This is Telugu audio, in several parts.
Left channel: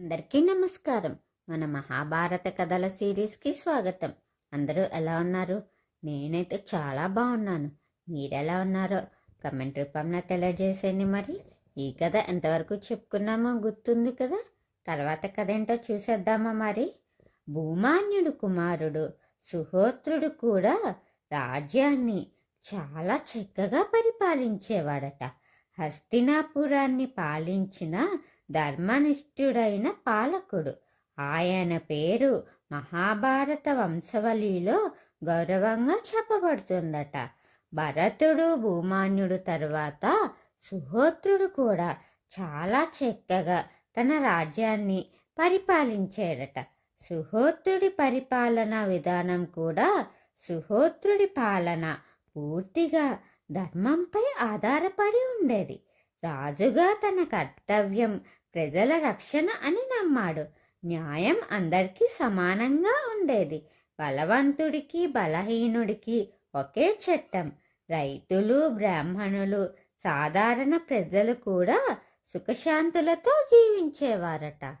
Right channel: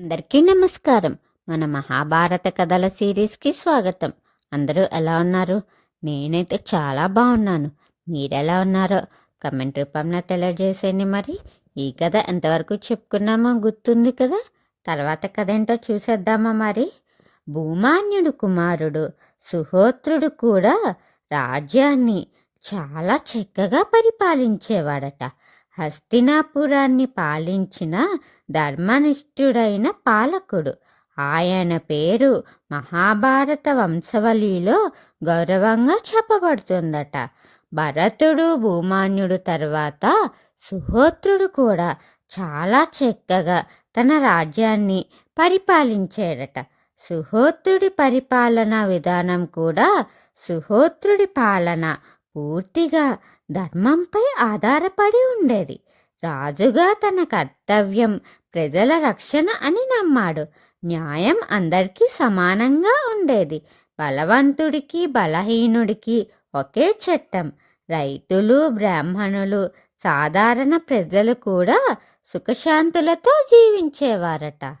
అందరికీ నమస్కారం. మన మహాభారత కథల సిరీస్కి స్వాగతం. అందరూ ఎలా ఉన్నారు? నేనైతే చాలా బాగున్నాను. మీరెలా ఉన్నారో కమెంట్ రూపంలో తెలియజేసేయండి. మరి ఈ కథ ఎంతవరకు చెప్పుకున్నామో గుర్తుంది కదా. తర్వాత కథ ఏంటో చూసేద్దామా మరి. భూమాన్యుడు కుమారుడు సుహోత్రుడు కూడా రాజ్యాన్ని చాలా చక్కగా పరిపాలించేవాడట. హస్తినాపురాన్ని పాలించిన ధర్మనిష్ఠుడైన పాలకుడు. ఆయన పేరు మహాభారత వంశవళిలో గౌరవంగా చెప్పబడుతుందట. భరతుడు భూమాన్యుడు తర్వాత సుహోత్రుడు కూడా చాలా చక్కగా తన రాజ్యాన్ని పరిపాలించాడట. సుహోత్రుడి పరిపాలనా విధానం కూడా సుహోత్రుడి పాలన పూర్తిగా ధర్మంపై ఆధారపడి ఉండేది. రాజుగా తన కర్తవ్యం ప్రజల రక్షణ అని నమ్మాడు. న్యాయం అందరికీ సమానంగా ఉండేది. బలవంతుడికి బలహీనుడికి ఒకే చట్టం. రైతులు బ్రాహ్మణులు సాధారణ ప్రజలు కూడా సుఖశాంతులతో జీవించేవారట.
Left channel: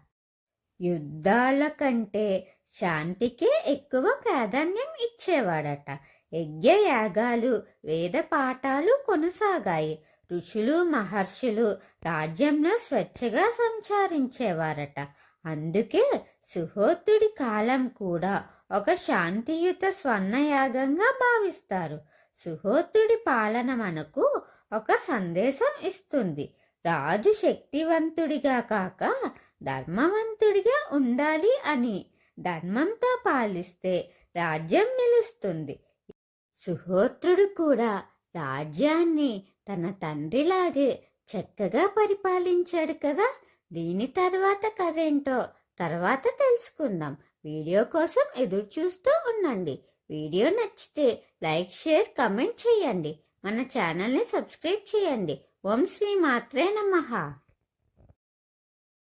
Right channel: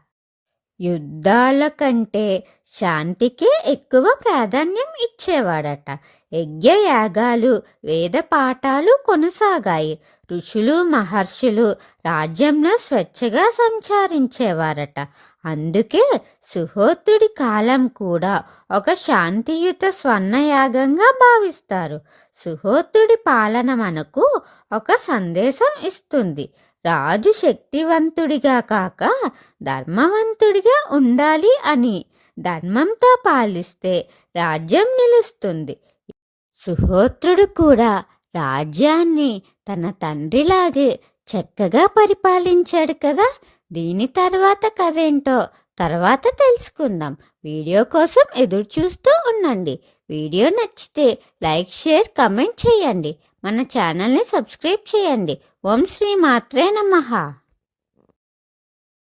యుద్ధాల కంటే శాంతికే ఎక్కువ ప్రాధాన్యం ఇచ్చేవాడట. యజ్ఞయాగాలు వేద పాఠాలు కొనసాగాయి. ఋషులు మహర్షులు రాజ్యంలో స్వేచ్ఛగా సంచరించేవారట. అందుకే సుహోత్రుడి కాలం కూడా ఒక శాంతియుత స్వర్ణయాగంగా భావిస్తారు. సుహోత్రుడి పాలన మనకు ఒక సందేశం ఇస్తుంది. రాజు శక్తివంతుడిగా కాక ధర్మవంతుడిగా ఉండాలి అని. ధర్మంతో పాలిస్తే రాజ్యం నిలుస్తుంది. సుహోత్రుడు కూడా రాజ్యాన్ని తన తండ్రిలాగే చక్కగా పరిపాలించాడు కదా. దీని తర్వాత కథ ఏంటో తర్వాత తెలుసుకుందాం. వీడియో కోసం ఎదురు చూస్తూ ఉండండి. వీడియో నచ్చితే లైక్ షేర్ కమెంట్ చేయండి. మన ఛానల్ని సబ్స్క్రైబ్ చేయండి. ఓం శ్రీ మాత్రే నమః.